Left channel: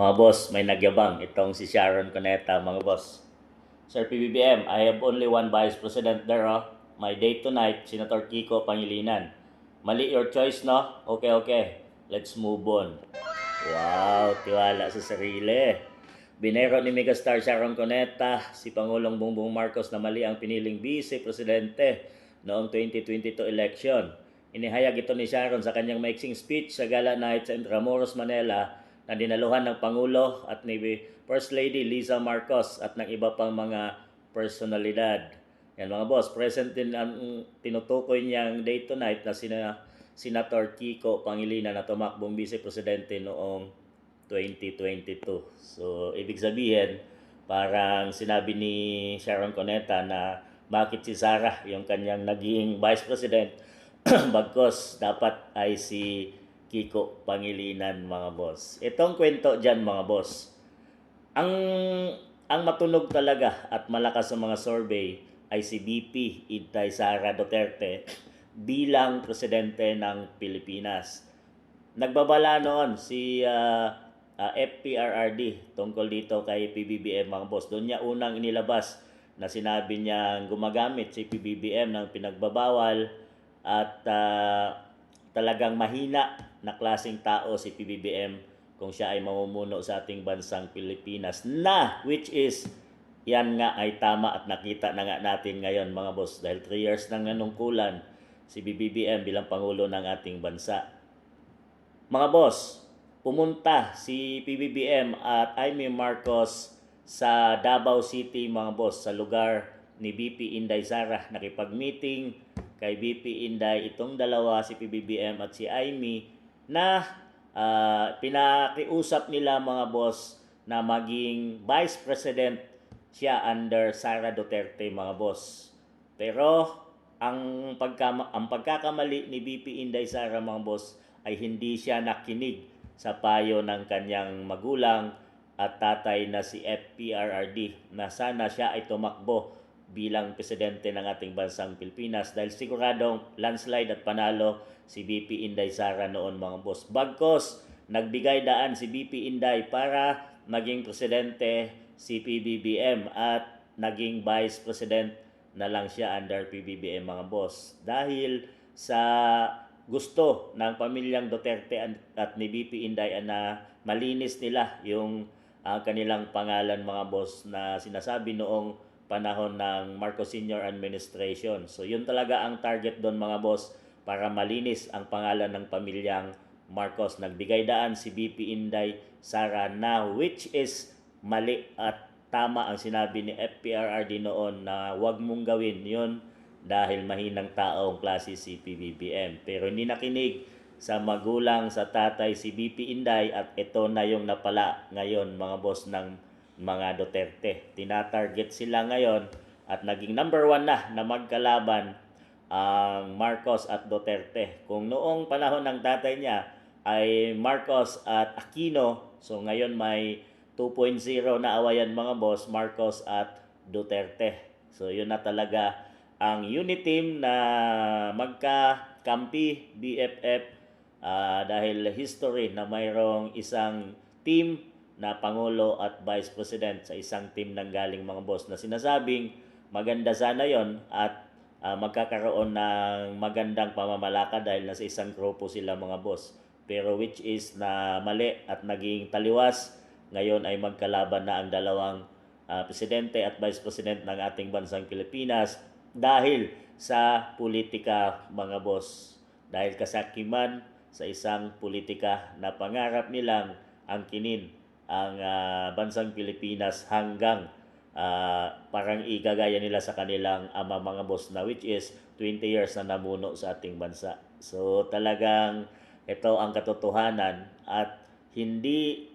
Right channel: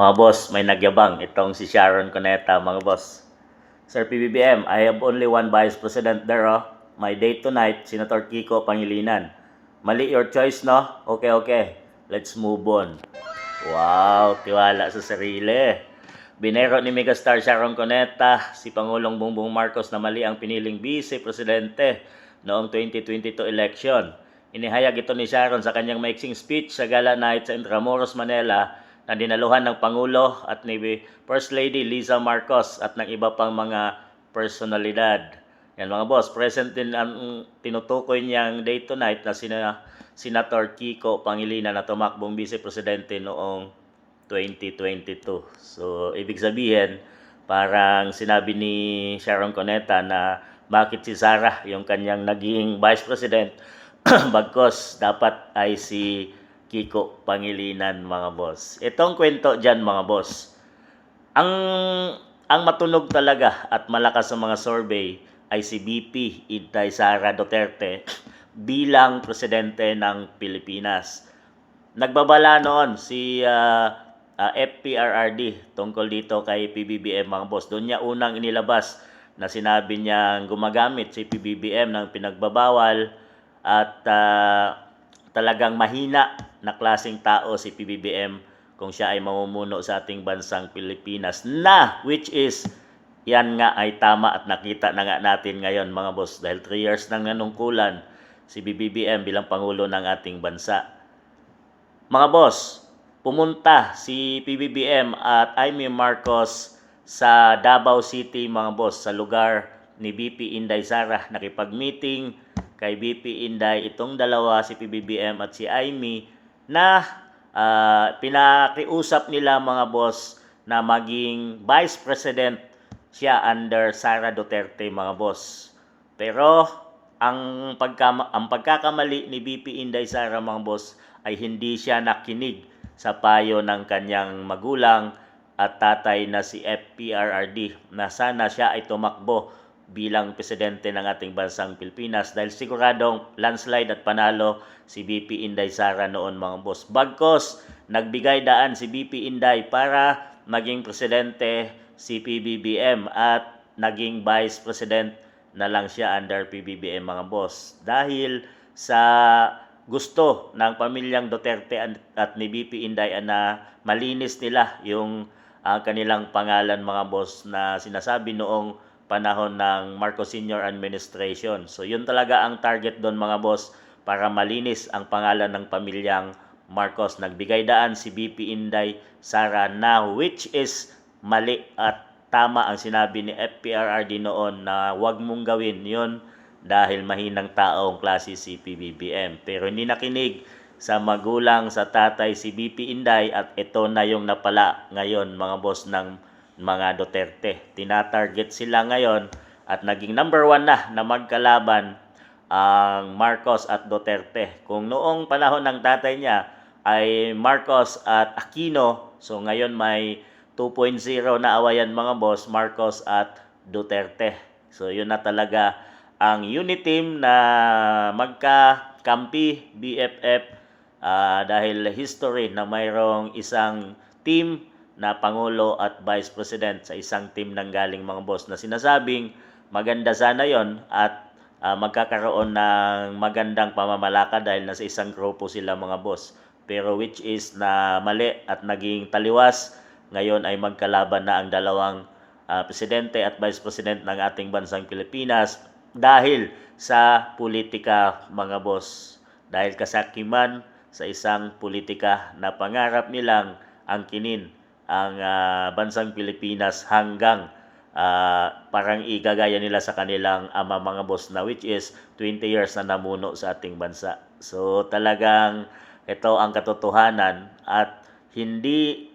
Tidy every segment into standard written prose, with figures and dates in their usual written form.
Mga boss, may nagyabang itong si Sharon Cuneta, mga boss. Sir PBBM, I have only one vice president there, oh. My date tonight, Senator Kiko Pangilinan. Mali your choice, no? Okay, okay. Let's move on. Wow, tiwala sa sarili. Binero ni Megastar Sharon Cuneta si Pangulong Bongbong Marcos na mali ang piniling vice-presidente noong 2022 election. Inihayag ito ni Sharon sa kanyang maiksing speech sa Gala Night sa Intramuros, Manila na dinaluhan ng Pangulo at ni First Lady Liza Marcos at ng iba pang mga personalidad. Yan mga boss, present din ang tinutukoy niyang date tonight na Senator Kiko Pangilinan na tumakbong vice-presidente noong 2022. So, ibig sabihin, parang sinabi ni Sharon Cuneta na bakit si Sara yung kanyang naging vice president bagkos dapat ay si Kiko Pangilinan, mga boss. Itong kwento dyan, mga boss. Ang ang matunog talaga at malakas sa mga survey ay si BP Inday Sara Duterte bilang presidente ng Pilipinas. Nagbabala noon si FPRRD tungkol dito kay PBBM, mga boss. Doon niya unang inilabas na sinabi niyang gumagamit si PBBM ng pinagbabawal at talagang mahina na klaseng tao si PBBM kung siya ay mamumuno sa ating bansang Pilipinas na which is yan nga ay tama at nakita na nga natin ngayon, mga boss, dahil 3 years nang nanungkulan si PBBM bilang Pangulo ng ating bansa. Mga boss, pumunta si PBBM at Amy Marcos sa Davao City, mga boss, sa lugar ni BP Inday Sara. Nakipag-meeting kay BP Inday itong dalawa, si PBBM at si Amy, na pinakiusap nila, mga boss, na maging Vice President siya under Sara Duterte, mga boss. Pero ang pagkakamali ni BP Inday Sara, mga boss, ay hindi siya nakinig sa payo ng kanyang magulang at tatay na si FPRRD na sana siya ay tumakbo bilang presidente ng ating bansang Pilipinas dahil siguradong landslide at panalo si BP Inday Sara noon, mga boss. Bagkos nagbigay daan si BP Inday para maging presidente si PBBM at naging vice president na lang siya under PBBM, mga boss. Dahil sa gusto ng pamilyang Duterte at ni BP Inday na malinis nila yung kanilang pangalan, mga boss, na sinasabi noong panahon ng Marcos Sr. Administration. So yun talaga ang target doon, mga boss, para malinis ang pangalan ng pamilyang Marcos. Nagbigay daan si BP Inday Sara na which is mali at tama ang sinabi ni FPRRD noon na huwag mong gawin yun dahil mahinang taong klase si PBBM. Pero hindi nakinig sa magulang, sa tatay si BP Inday at ito na yung napala ngayon, mga boss, ng mga Duterte. Tinatarget sila ngayon at naging number 1 na magkalaban ang Marcos at Duterte. Kung noong panahon ng tatay niya ay Marcos at Aquino, so ngayon may 2.0 na awayan, mga boss, Marcos at Duterte. So yun na talaga ang unit team na magkakampi, BFF, dahil history na mayroong isang team na Pangulo at Vice President sa isang team nang galing, mga boss, na sinasabing maganda sana yon at magkakaroon ng magandang pamamalakad dahil nasa isang grupo sila, mga boss. Pero which is na mali at naging taliwas. Ngayon ay magkalaban na ang dalawang presidente at vice president ng ating bansang Pilipinas dahil sa politika, mga boss. Dahil kasakiman sa isang politika na pangarap nilang angkinin ang bansang Pilipinas hanggang parang igagaya nila sa kanilang ama, mga boss, na which is 20 years na namuno sa ating bansa. So talagang ito ang katotohanan at hindi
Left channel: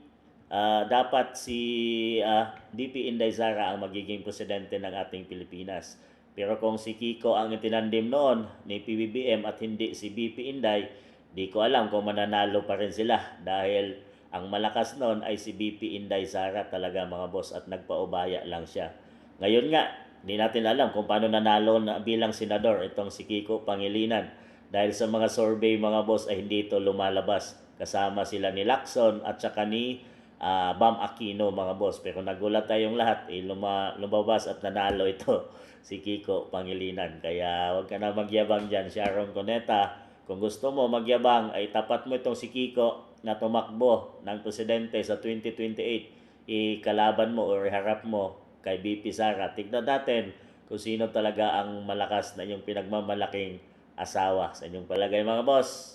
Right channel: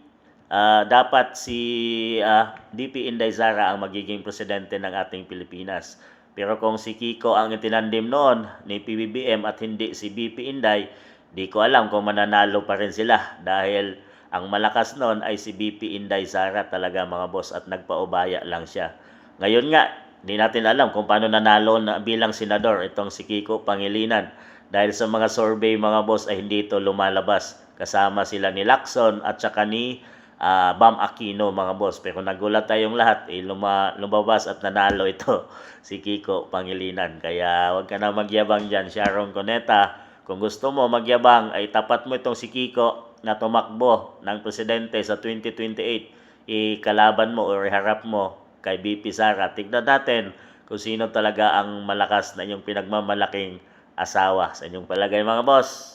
dapat si BP Inday Sara ang magiging presidente ng ating Pilipinas. Pero kung si Kiko ang itinandim noon ni PBBM at hindi si BP Inday, di ko alam kung mananalo pa rin sila dahil ang malakas noon ay si BP Inday Sara talaga, mga boss, at nagpaubaya lang siya. Ngayon nga, di natin alam kung paano nanalo na bilang senador itong si Kiko Pangilinan dahil sa mga survey, mga boss, ay hindi ito lumalabas. Kasama sila ni Lacson at saka ni Bam Aquino mga boss. Pero nagulat tayong lahat, lumabas at nanalo ito si Kiko Pangilinan. Kaya huwag ka na magyabang dyan, Sharon Cuneta. Kung gusto mo magyabang, ay tapat mo itong si Kiko na tumakbo ng presidente sa 2028. Ikalaban mo o iharap mo kay BP Sara. Tignan natin kung sino talaga ang malakas na inyong pinagmamalaking asawa sa inyong palagay mga boss.